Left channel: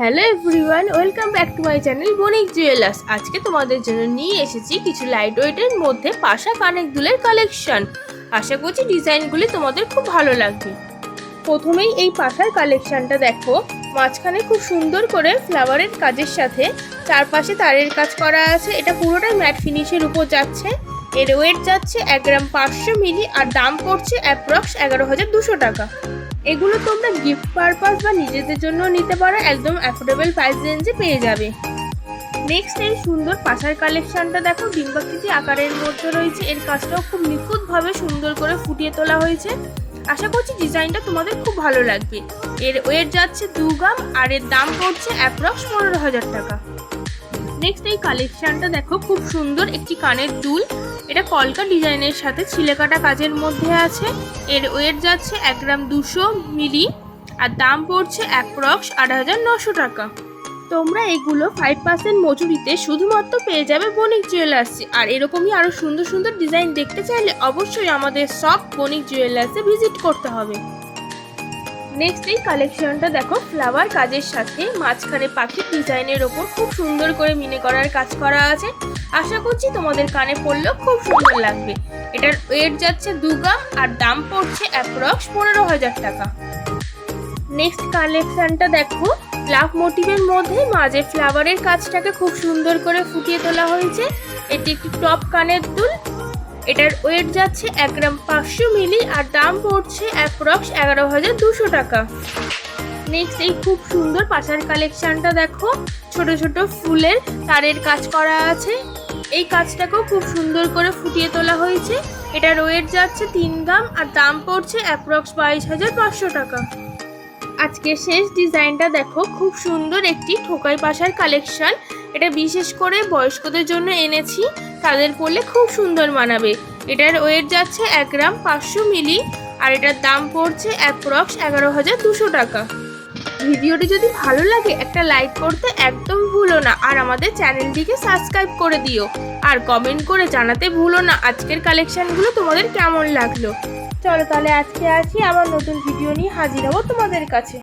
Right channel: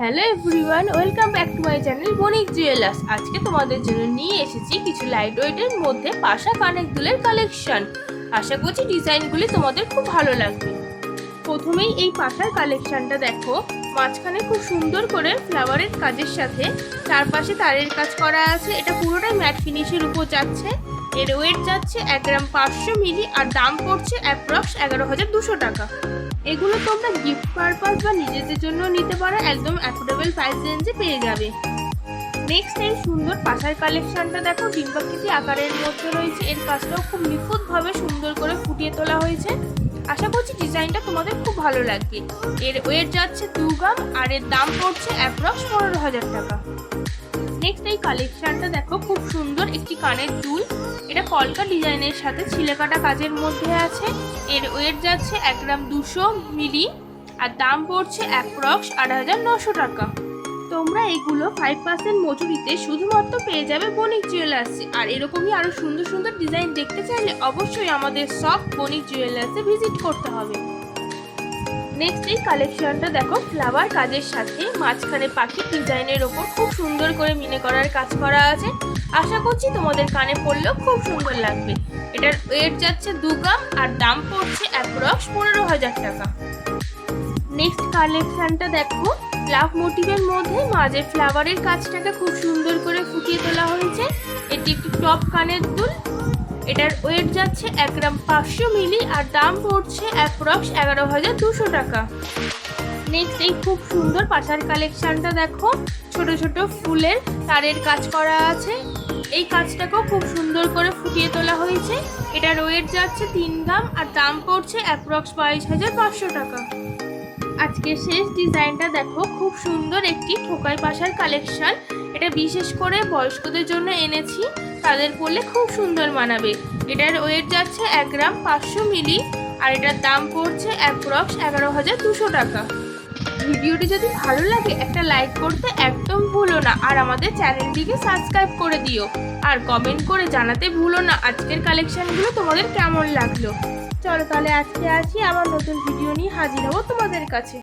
Hello everyone welcome back to my channel Banik jewellers আজকে তোমাদের জন্য নিয়ে এসেছি কিছু লাইট ওয়েটের মধ্যে পাশা কানেক দুলের কালেকশন আশা করছি ডিজাইনগুলি তোমাদের খুব ভালো লাগবে। প্রথমেই এই পাশার কালেকশনটা দেখো, মাঝখানে খুব সুন্দর করে ফ্লাওয়ারের কাজের সাথে চারপাশে তারের কাজ করা আছে, এটা পুরোটাই ম্যাট ফিনিশের উপর যাচ্ছে। এর ওয়েট যাচ্ছে এক গ্রাম পাঁচশো মিলি আর দাম পড়ছে অ্যাপ্রক্স এগারো হাজার দুশো টাকা। এগুলো তোমরা গিফট পারপাস বা নিজেদের জন্য নিতে পারো, একদম অ্যাফোর্ডেবল প্রাইস রেঞ্জে পেয়ে যাবে। নেক্সট এই সুন্দর পাশার কালেকশনটা দেখো, ডিম্বাকৃতি আকারের মধ্যে রয়েছে। এর কাজটাও খুব নিখুঁতভাবে সুন্দর করে ফুটিয়ে তোলা হয়েছে। আশা করছি ডিজাইনটা তোমাদের খুব ভালো লাগবে। এর ওয়েট যাচ্ছে দু গ্রাম, আর এর দাম পড়ছে অ্যাপ্রক্স পনেরো হাজার টাকা। নেক্সট এই কালেকশনটা দেখো, খুব সুন্দর একটি কানের দুল এটা কলকা ডিজাইনের সাথে ছিলে কাটা কাজের মধ্যে আছে। এর ওয়েট যাচ্ছে এক গ্রাম দুশো মিলি, আর দাম পড়ছে অ্যাপ্রক্স আট হাজার নশো টাকা। তোমরা এগুলো ফাইভ পার্সেন্ট মজুরিতে শুধুমাত্র পেয়ে যাবে বণিক জুয়েলার্সে আর এরকমই আরও সুন্দর সুন্দর ডিজাইন দেখতে চাইলে অবশ্যই আমাদের সব বণিক জুয়েলার্সে ভিজিট করতে হবে। নেক্সট এই কালেকশনটা দেখো ফ্লাওয়ার কাজের সাথে মাঝখানে পাখির ডিজাইনের ওপর খুব সুন্দর করে মিনে করার কাজ করা আছে। আশা করছি তোমাদের কানে পড়লেও খুব সুন্দর লাগবে। এটার ওয়েট যাচ্ছে দু গ্রাম আর দাম পড়ছে অ্যাপ্রক্স পনেরো হাজার টাকা। নেক্সট কালেকশনটা দেখো লাভ মোটিভের মধ্যে মাঝে ফ্লাওয়ারের কাজটাকে খুব সুন্দর করে ফুটিয়ে তোলা হয়েছে। এটি একটি টপ কানের দুল এটার ওয়েট যাচ্ছে এক গ্রাম পাঁচশো মিলি আর দাম পড়ছে অ্যাপ্রক্স এগারো হাজার দুশো টাকা। নেক্সট এই খুব সুন্দর পাশার কালেকশনটা দেখো। ছোট ছোট ফুলের তারের কাজ করা আছে। এই কাজটাকেও খুব সুন্দর করে ফুটিয়ে তোলা হয়েছে। এটার ওয়েট যাচ্ছে তিন গ্রাম আর দাম পড়ছে অ্যাপ্রক্স বাইশ হাজার পাঁচশো টাকা। আজকে শেষ ডিজাইনটা দেখো, খুব সুন্দর একটি ঠোকাই পাশার কালেকশন এটা বিশেষ করে বয়স্কদের জন্য এনেছি। তাদের পরলে খুব সুন্দর মানাবে। এটার ওয়েট যাচ্ছে এক গ্রাম পাঁচশো মিলি, আর এটার দাম পড়ছে অ্যাপ্রক্স এগারো হাজার দুশো টাকা। ভিডিওটি যদি ভালো লাগে, একটা লাইক করতে একদম ভুলো না, আর আমাদের চ্যানেলটিকে সাবস্ক্রাইব করে দিও। আর কমেন্ট করে জানাতে ভুলো না, আজকের কালেকশানগুলো তোমাদের কেমন লাগল। চলো তাহলে আজকে আসি, আবার নতুন ভিডিও নিয়ে হাজির হব তোমাদের কাছে।